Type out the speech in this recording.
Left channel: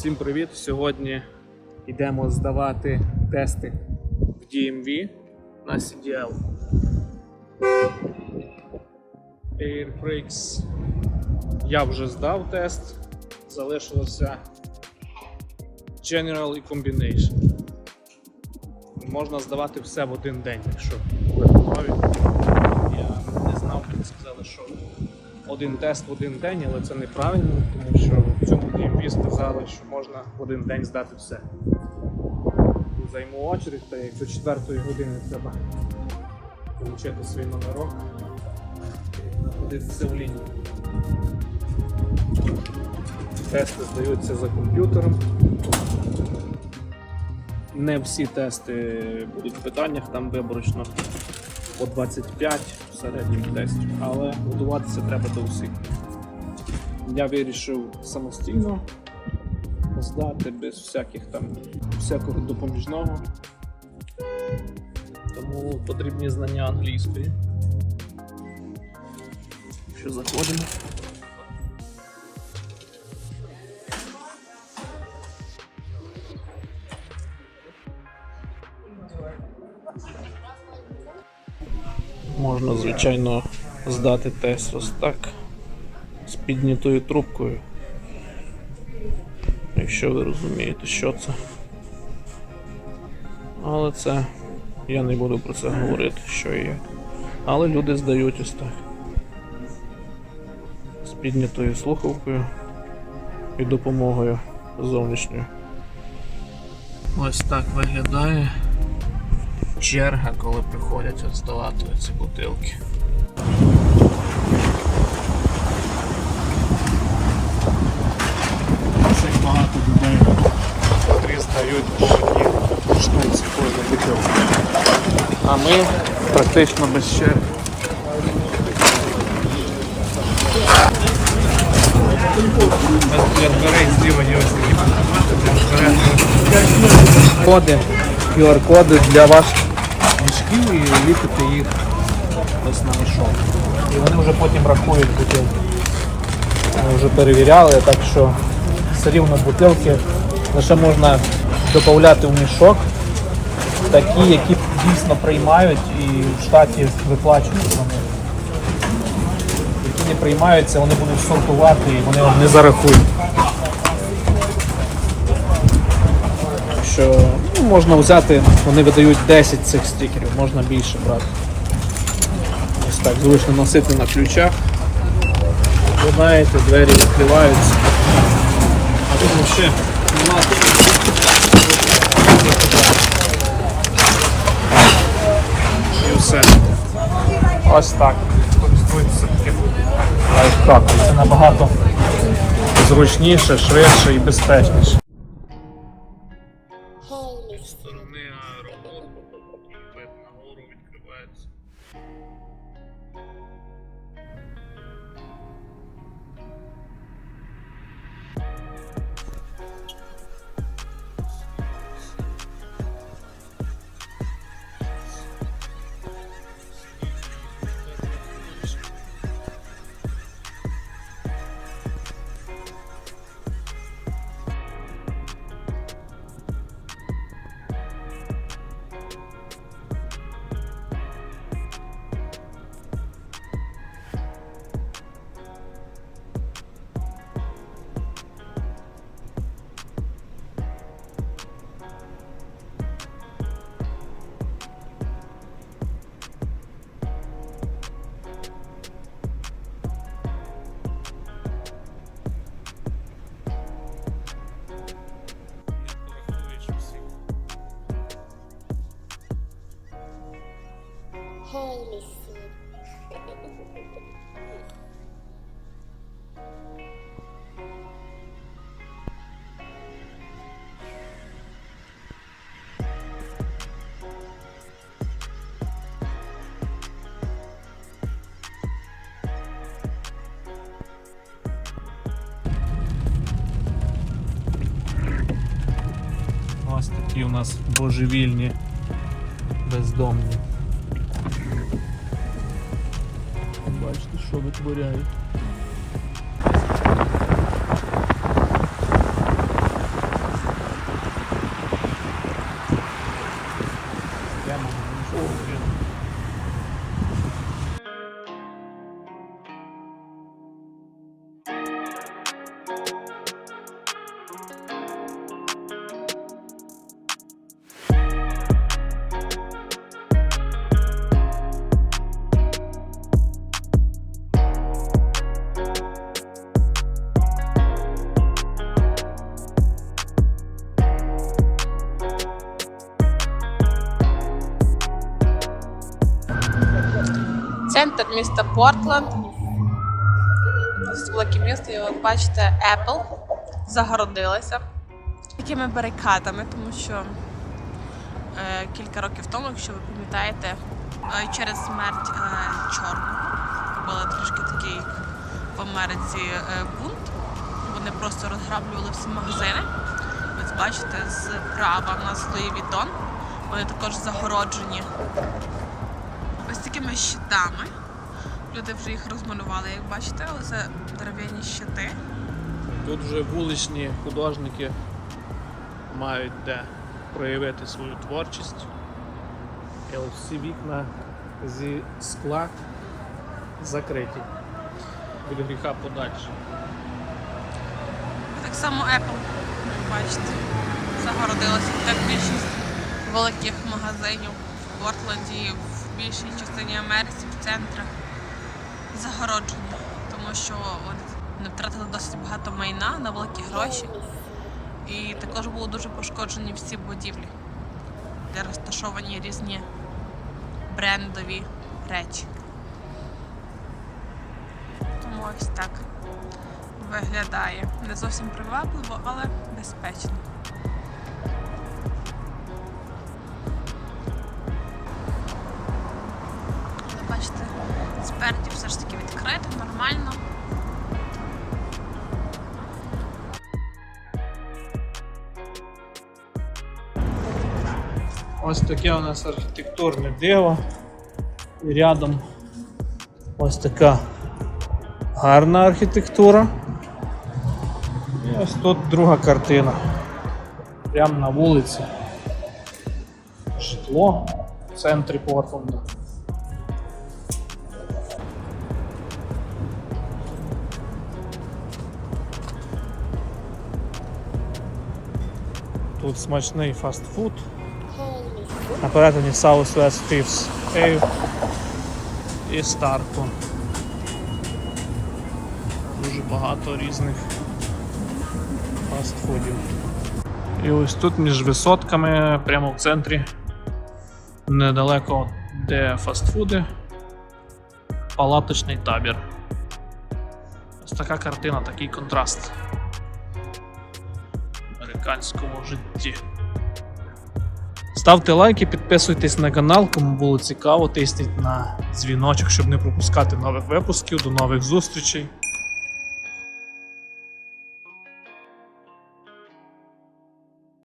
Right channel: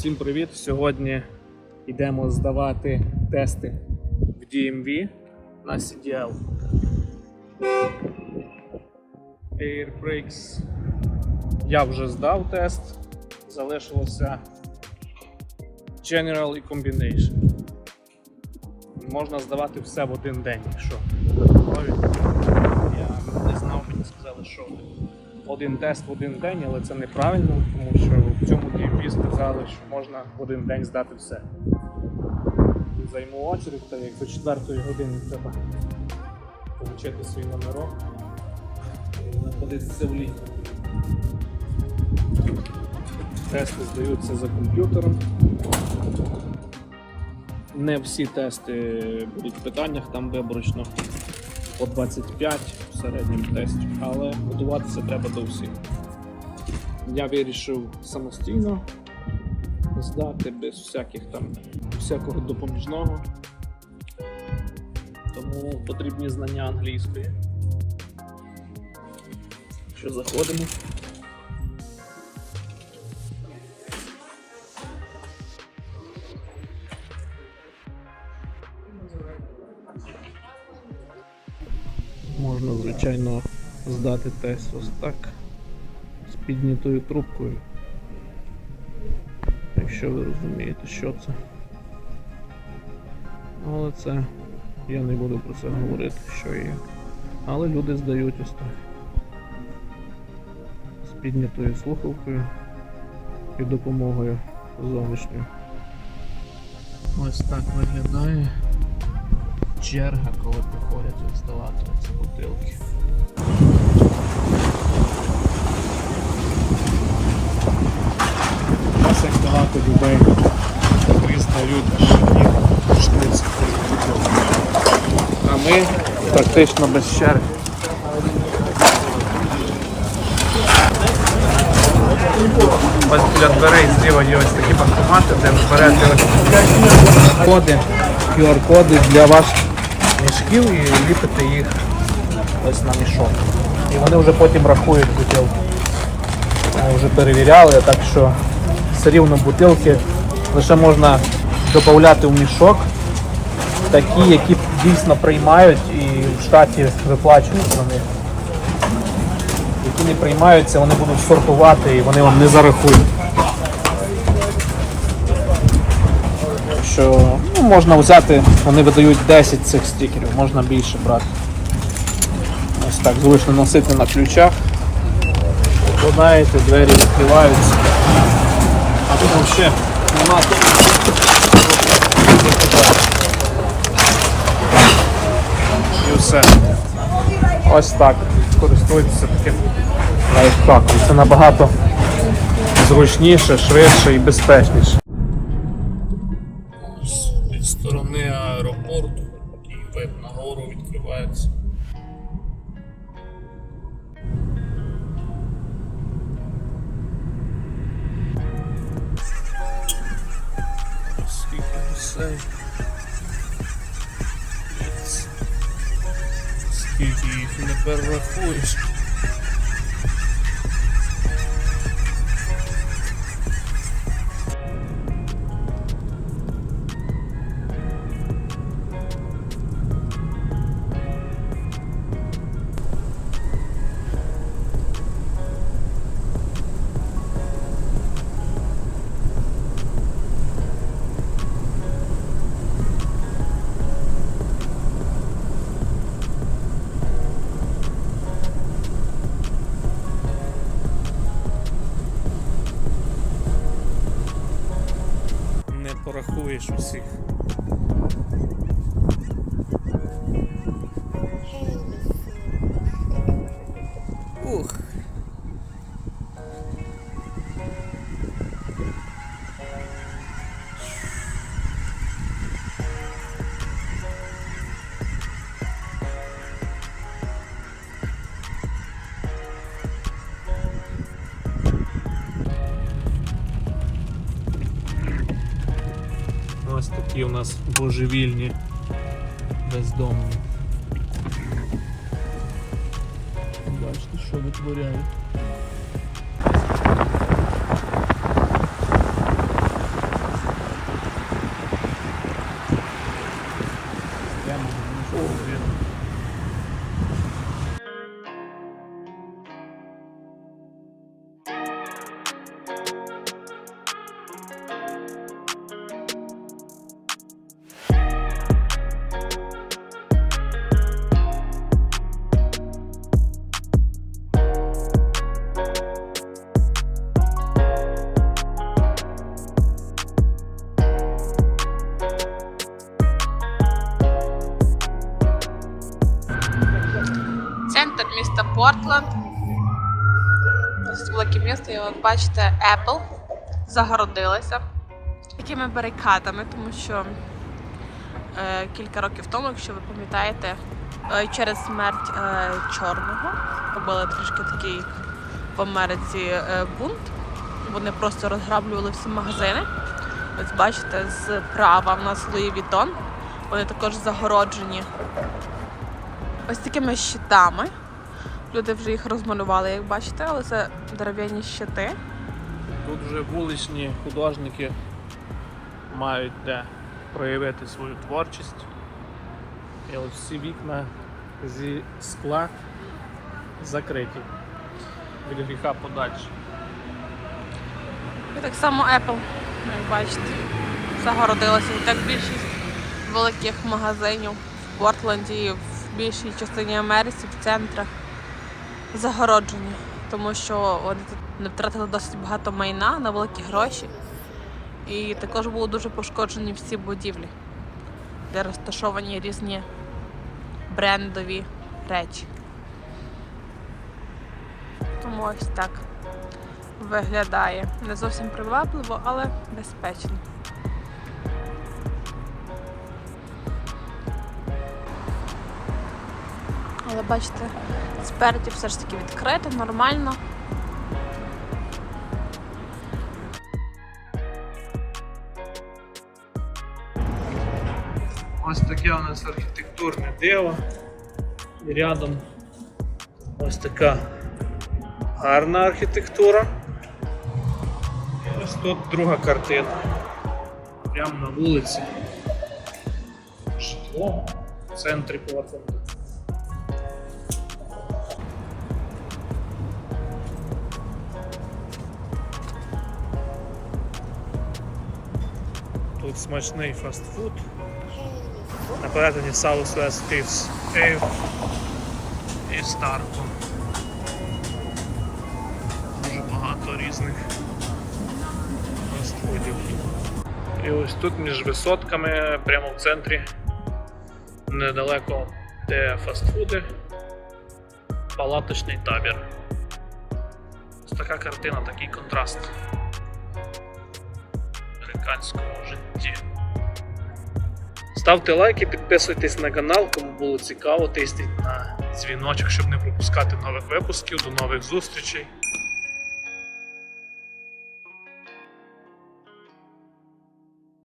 Всім привіт! Сьогодні йдемо здавати тести в DMV на CDL. Airbrakes я вже здав тест, залишилося General і Combination. Можна здавати все в один день, якщо я не знав, мені сказали, що один тест в один день, але це неправильно, тому що в сказали, що можна один день здати все. Займу очередь, та як до 4 години треба отримати свій номерок і знаходитися в лінії. Тести здаються за комп'ютером. Не всі тести будуть в питаннях, там виборочно по 25 в середньому тесті, але готуватися треба до всіх. Я вирішив самостійно здати без всяких там всякого допоміжного. Тому потрібні знання англійської. Що заходимо. Можна, звичайно, здати тест ось так з піднятою трубкою. Якщо ви розумієте, що це. Але це я не буду про це говорити, що і як. Але люди здають ось так. З піднятою слухавкою і допомогою зовнішньою. Ось так виглядає черга, коли приходять здавати ці бутилки. Ось як багато людей котрі здають аж штуці кожну бутилку. А ми практично без черги. Ось для дверей зліва є ось такі банкомати, де берете коди, QR-коди для ваших мішків і ліпите їх ось на мішок. Вони вже потім рахують бутилки. Ми вже перевіряли, так що все рівно бутилки лише можна додати в мішок. Такі, які дійсно приймають і в штаті виплачують них. Які не приймаються, вони будуть сортувати і вони вам не зарахують. що ну, можна взяти, вони видають 10 цих стікерів, можна більше брати. Ось так зручно носити на ключах. Викладаєте, двері відкриваються. А потім ще нема. І все. Ось так. Користуйтеся таким лайфхаком. Це набагато зручніше, швидше і безпечніше з сторони аеропорту і вид на гору відкривається. Скільки гусей. Їх порахуєш усіх. Ух. в нас божевільні, бездомні. Бачите, що витворяють. Прямо. Центр міста Портленд. Ось велике місто, і ви бачите, Apple загородилася такими барикадами, тому що е, кілька років тому, якщо ви пам'ятаєте, е, через смерть е, чорного робили трішки такий в Америці е, бунт. Вони просто розграблювали всі магазини. Ось бачите, справа в нас Луї Вітон. Вони також загороджені ось такими щитами. Люди вже їх розмалювали, як бачите, але це дерев'яні щити. Тут вже вуличні художники мають де проявити свою творчість. І всі вікна зі скла закриті. Від гріха подальше. І так само Apple, як бачите, загородилася. Так більшість великих магазинів в Портленді, в більшій частині Америці, в центрах загороджені, тому що вони не втратили досить багато майна на великі гроші. І також були дуже пошкоджені всі будівлі, де розташовані різні брендові речі. Тому ось так виглядає. Не зовсім привабливо, але безпечно. Бачите, спереді все ж таки відкрито, нормально. Ось таке у нас архітектурне диво. І рядом ось така гарна архітектура. І ось тут друга картина. Прямо на вулиці. Житло в центрі Портленда. Тут смачний фастфуд. На перетині Southwest Fifth Ave і Старко. Дуже багато різних фастфудів. І ось тут між висотками, прямо в центрі, недалеко де фастфуди, палаточний табір. Ось така картина, такий контраст американському житті. Ставте лайки, підписуйтесь на канал, кому було цікаво, тисніть на дзвіночок, щоб не пропускати нових випусків. До нових зустрічей.